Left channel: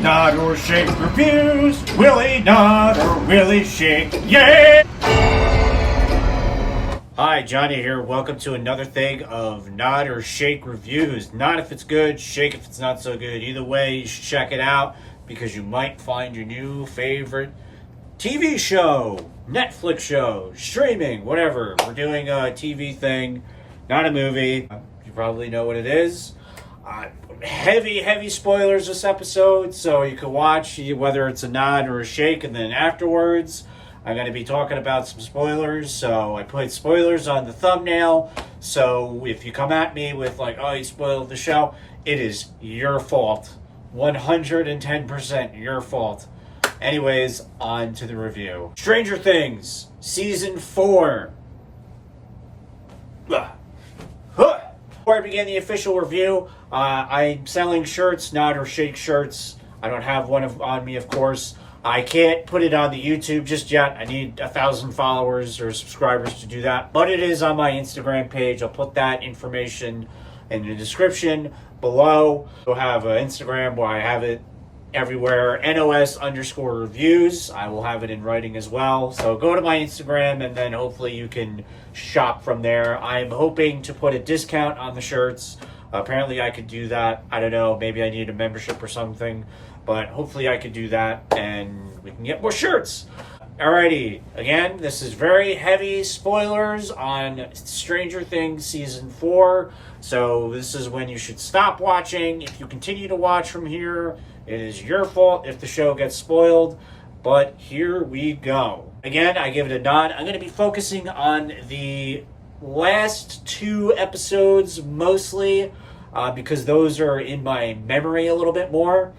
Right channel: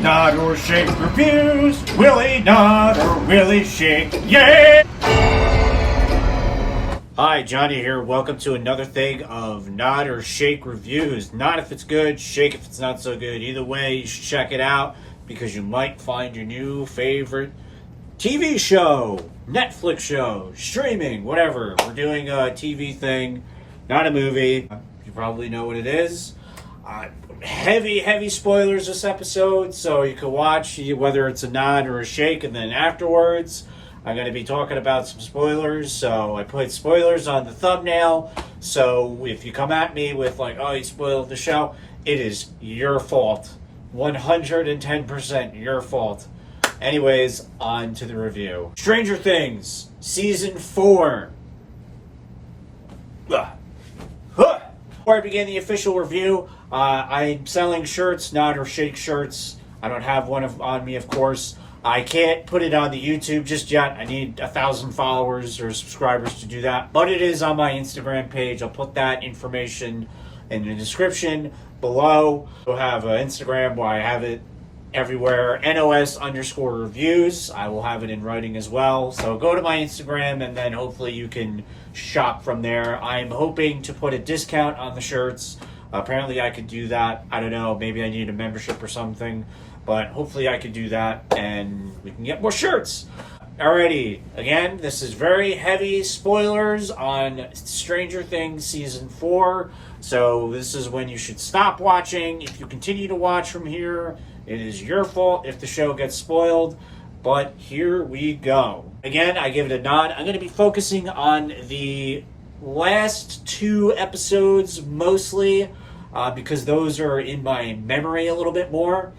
Nod or shake reviews. Willie nod or Willie shake. Yeah! Hi, Johnny here. Welcome to another thing of Nod or Shake reviews. Nod if it's good, shake if it's not so good. Either way, you should check it out because you might find your new favorite TV show, Netflix show, streaming, whatever. We're doing a TV thing, not a movie. You probably know what it is. Heavy spoilers this episode, so you can watch whether it's a nod or a shake, and then afterwards I'm going to be talking about some spoilers, so I put spoilers on the thumbnail, so if you come at me with like, oh, you spoiled the show, it is your fault. 110% your fault. Anyways, on to the review. Stranger Things, Season 4. Before I begin the official review, I'm selling shirts, nod or shake shirts. I don't have one on me, of course. I can't put it on the YouTube just yet. I need 1,000 followers or subscribers to do that. But it is on my Instagram page. I'll put that information in the description below. We'll have an Instagram where I have it everywhere. NOS_reviews. I will have it in writing as well. So go to my Instagram and then hopefully you can shop from there. I'm hoping to put a discount on the shirts. Apparently I could do that. I don't know. Maybe I need a membership or something. But hopefully I could do that and we can get more shirts. Alrighty, again, this is very heavy spoilers on Stranger Things Season 4. So this is when you should stop watching. If you continue to watch from here, it is your fault if the show gets spoiled. But here we go. Again, I give it a nod. I'm going to be focusing on the last 2 episodes mostly because those are in my memory a little bit more.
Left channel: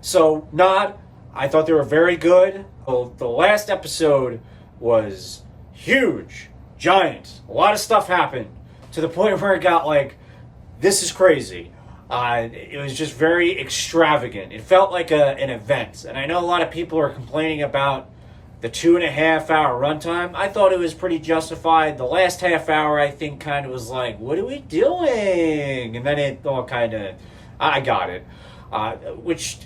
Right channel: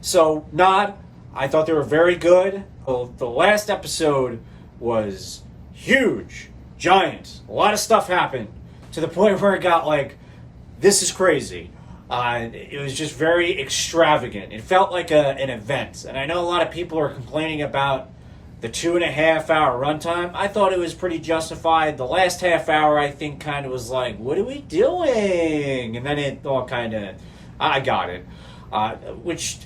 So, nod. I thought they were very good. Well, the last episode was huge, giant. A lot of stuff happened to the point where it got like, this is crazy. It was just very extravagant. It felt like an event. And I know a lot of people are complaining about the 2.5 hour runtime. I thought it was pretty justified. The last half hour, I think, kind of was like, what are we doing? And then it all kind of, I got it. Which,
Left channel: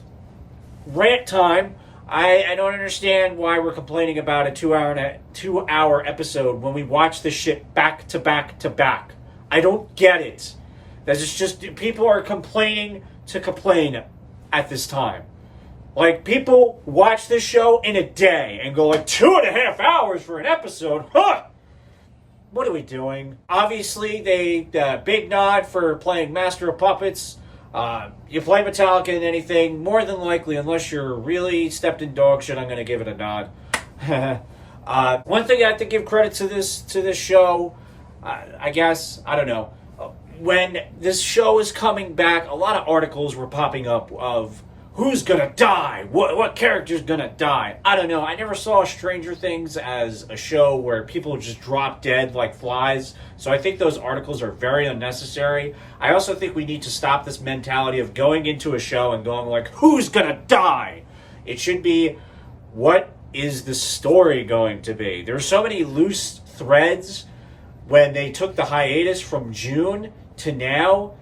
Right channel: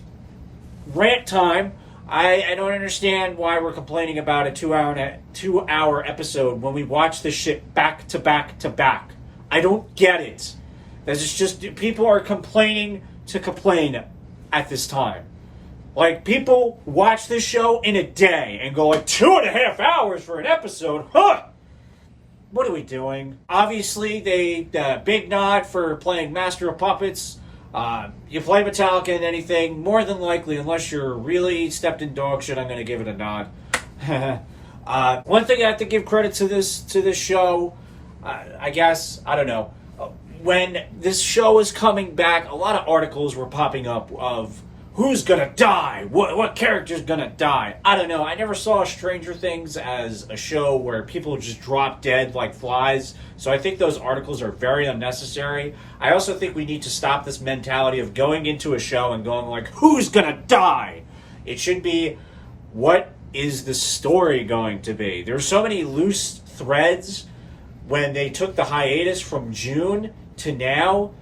rant time, I don't understand why we're complaining about a 2 hour episode when we watch this shit back to back to back. I don't get it. That's just people are complaining to complain at this time. Like, people watch this show in a day and go like 2.5 hours for an episode. Huh? What are we doing? Obviously, big nod for playing Master of Puppets. You play Metallica in anything, more than likely, unless you're really stepped in dog shit, I'm going to give it a nod. One thing I have to give credit to this show, I guess, I don't know. When this show is coming back, a lot of articles were popping up of who's going to die, what character's going to die. I don't know. I never saw Stranger Things as a show where people just drop dead like flies. So I think those articles are very unnecessary. I also think we need to stop this mentality of going into a show and going like, who's going to die? It should be, what is the story going to be? There's so many loose threads when they took the hiatus from June to now.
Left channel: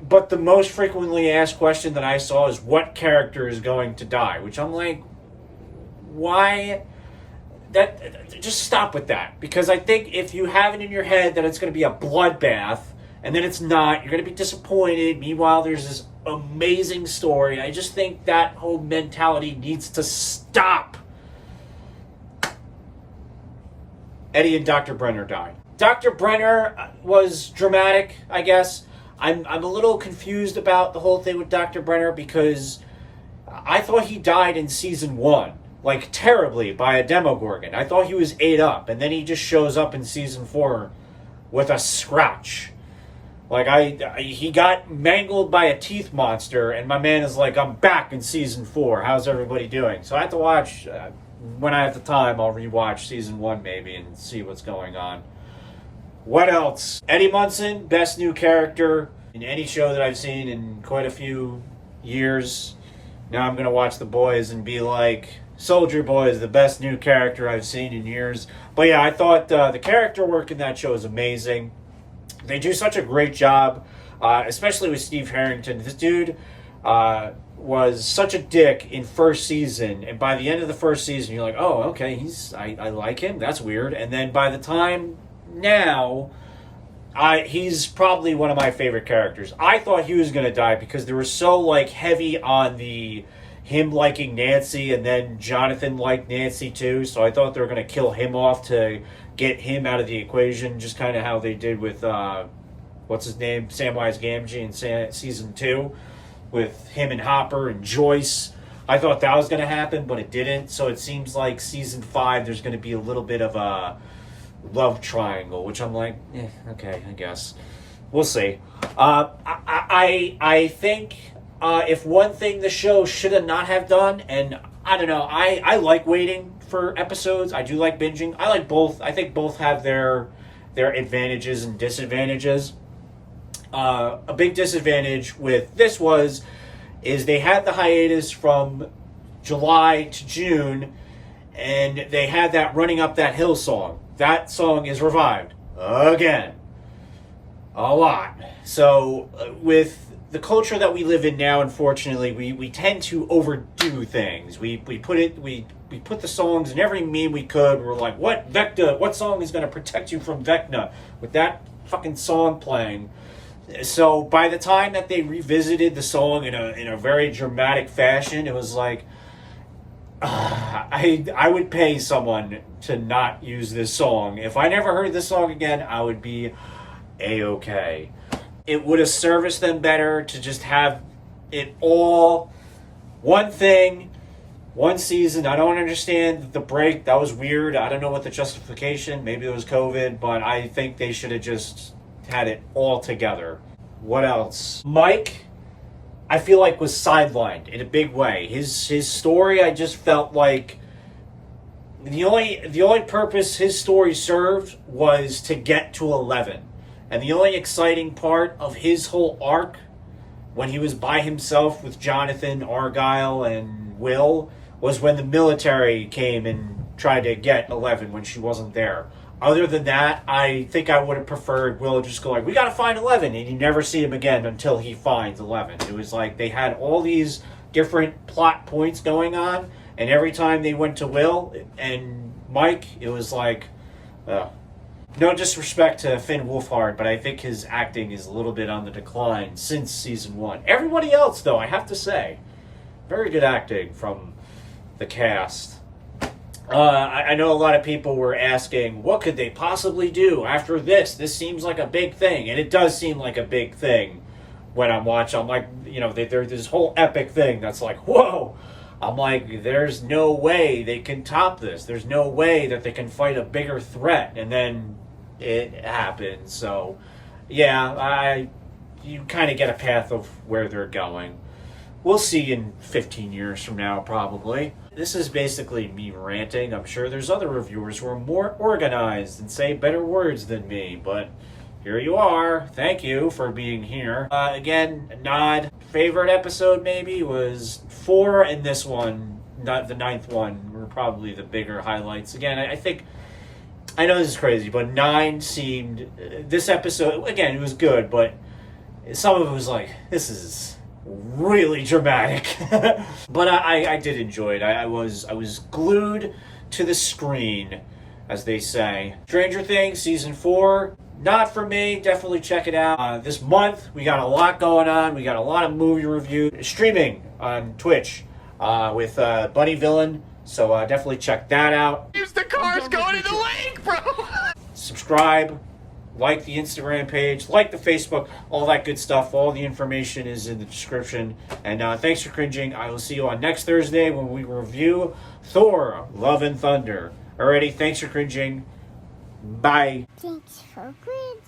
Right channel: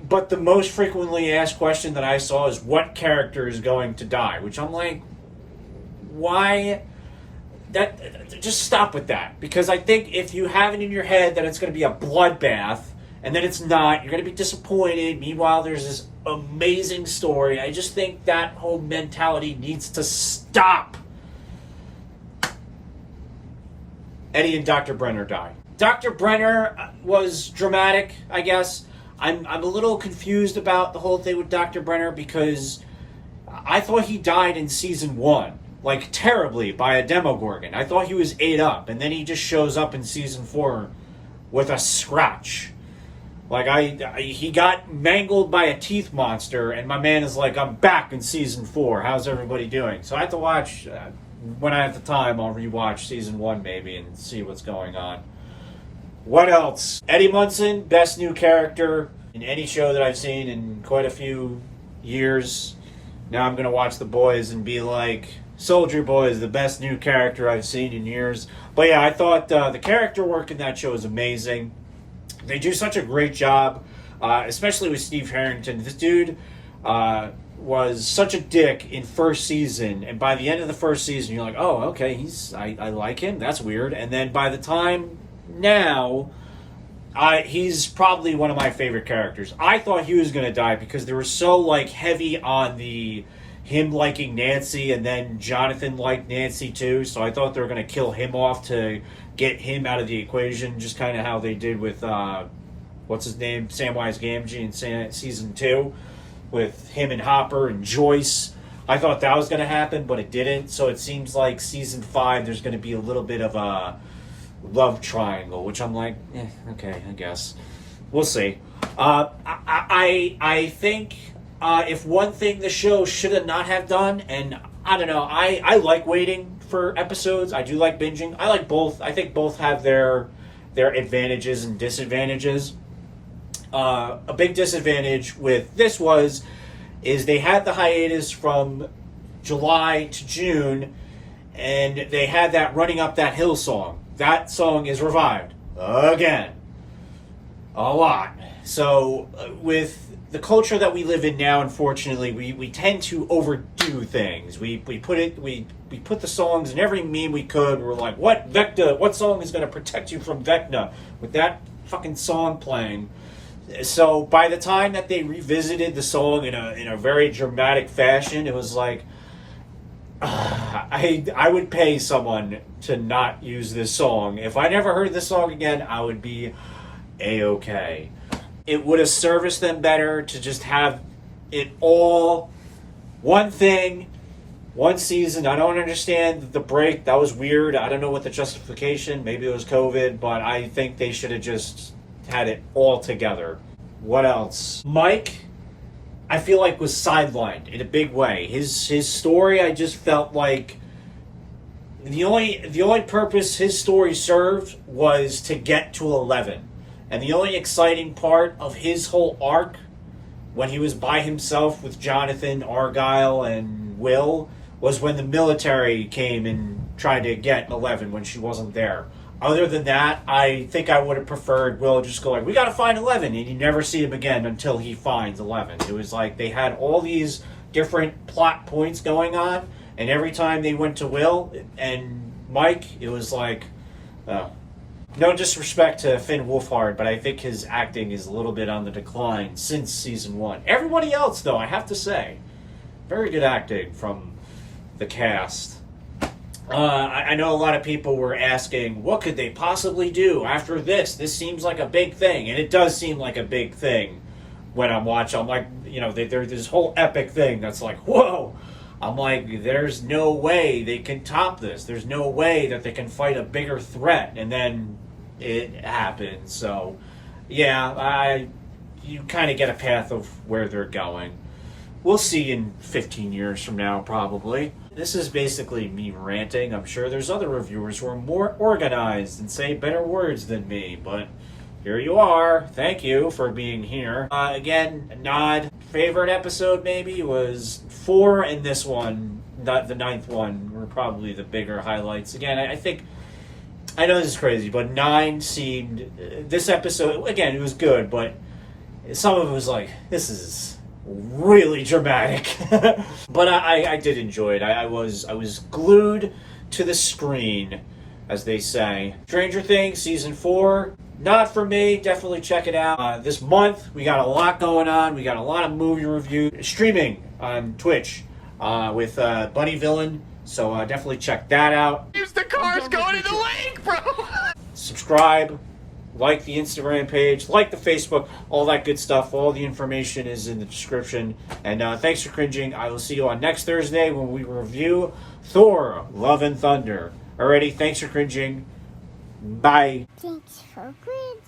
But the most frequently asked question that I saw is what character is going to die? Which I'm like, why? Just stop with that. Because I think if you have it in your head that it's going to be a bloodbath, and then it's not, you're going to be disappointed. Meanwhile, there's this amazing story. I just think that whole mentality needs to stop. Eddie and Dr. Brenner died. Dr. Brenner was dramatic, I guess. I'm a little confused about the whole thing with Dr. Brenner because I thought he died in Season 1, like terribly, by a Demogorgon. I thought he was ate up, and then he just shows up in Season 4 with a scratch. Like, he got mangled by a teeth monster, and my man is like, I'm back in Season 4. How's everybody doing? So I have to watch, when I have the time, I'll rewatch Season 1 maybe and see what's going on. What else? Eddie Munson, best new character in any show that I've seen in quite a few years. Now I'm going to watch The Boys and be like, Soldier Boy is the best new character I've seen in years. But yeah, I thought the character work in that show is amazing. They do such a great job, especially with Steve Harrington. This dude was such a dick in first season, and by the end of the first season, you're like, oh, okay, I like him. That's weird. And then by the time now, he's probably one of my favorite characters. I thought he was gonna die because they were so like heavy on him liking Nancy, and then Jonathan liked Nancy too. So I thought they were gonna kill him off to get him out of the equation, just kind of how they did with what's his name, Samwise Gamgee in season 2. With him and Hopper and Joyce. I thought that was going to happen, but it didn't. So it seems like season 5, there's going to be a little bit of a love triangle, which I'm like, okay, I guess. We'll see. I think if one thing the show should have not have done, and I don't know, I like waiting for episodes. I do like binging. I like both. I think both have their advantages and disadvantages. A big disadvantage with this is they had the hiatus from July to June, and they had that Running Up That Hill song. That song is revived again. A lot. So with the culture that we live in now, unfortunately, we tend to overdo things. We put the songs in every meme we could. We're like, what song is going to protect you from Vecna with that fucking song playing? So by the time that they revisited the song in a very dramatic fashion, it was like, I would pay someone to not use this song. If I never heard this song again, I would be A-okay. It would have serviced them better to just have it all one thing, one season. I don't understand the break. That was weird. I don't know what the justification. Maybe it was COVID, but I think they should have just had it all together. What else? Mike, I feel like, was sidelined in a big way. His story, I just felt like the only purpose his story served was to get to 11. And the only exciting part of his whole arc, when he was by himself with Jonathan, Argyle, and Will, was when the military came and tried to get 11 when she wasn't there. Other than that, I think I would have preferred Will just go like, we gotta find 11, and you never see him again until he finds 11. It was like they had all these different plot points going on, and every time they went to Will and Mike, it was like, no disrespect to Finn Wolfhard, but I think his acting is a little bit on the decline since season 1. Everybody else, though, I have to say, very good acting from the cast. I know a lot of people were asking, what could they possibly do after this? This seems like a big thing, and it does seem like a big thing when I'm watching. I'm like, there's this whole epic thing that's like, whoa! I'm like, there's no way they can top this. There's no way that they can fight a bigger threat, and then it happens. So, yeah, you kind of get a path of where they're going. We'll see in 15 years from now, probably. This is basically me ranting. I'm sure there's other reviewers who are more organized and say better words than me, but here you are. Thank you for being here. Again, nod. Favorite episode maybe was 4, and this one, not the 9th one, were probably the bigger highlights. Again, I think, I know this is crazy, but 9 seemed, this episode, again, it was good, but some of it was like, this is really dramatic. But I did enjoy it. I was glued to the screen, as they say. Stranger Things season 4, not for me. Definitely check it out. This month we got a lot going on. We got a lot of movie review streaming on Twitch with Bunny Villain. So definitely check that out. Use the cars going to the lake, bro. Subscribe. Like the Instagram page, like the Facebook, all that good stuff. All the information is in the description. And thanks for cringing. I will see you on next Thursday when we review Thor, Love and Thunder. Alrighty, thanks for cringing. Bye. Thanks for cringing.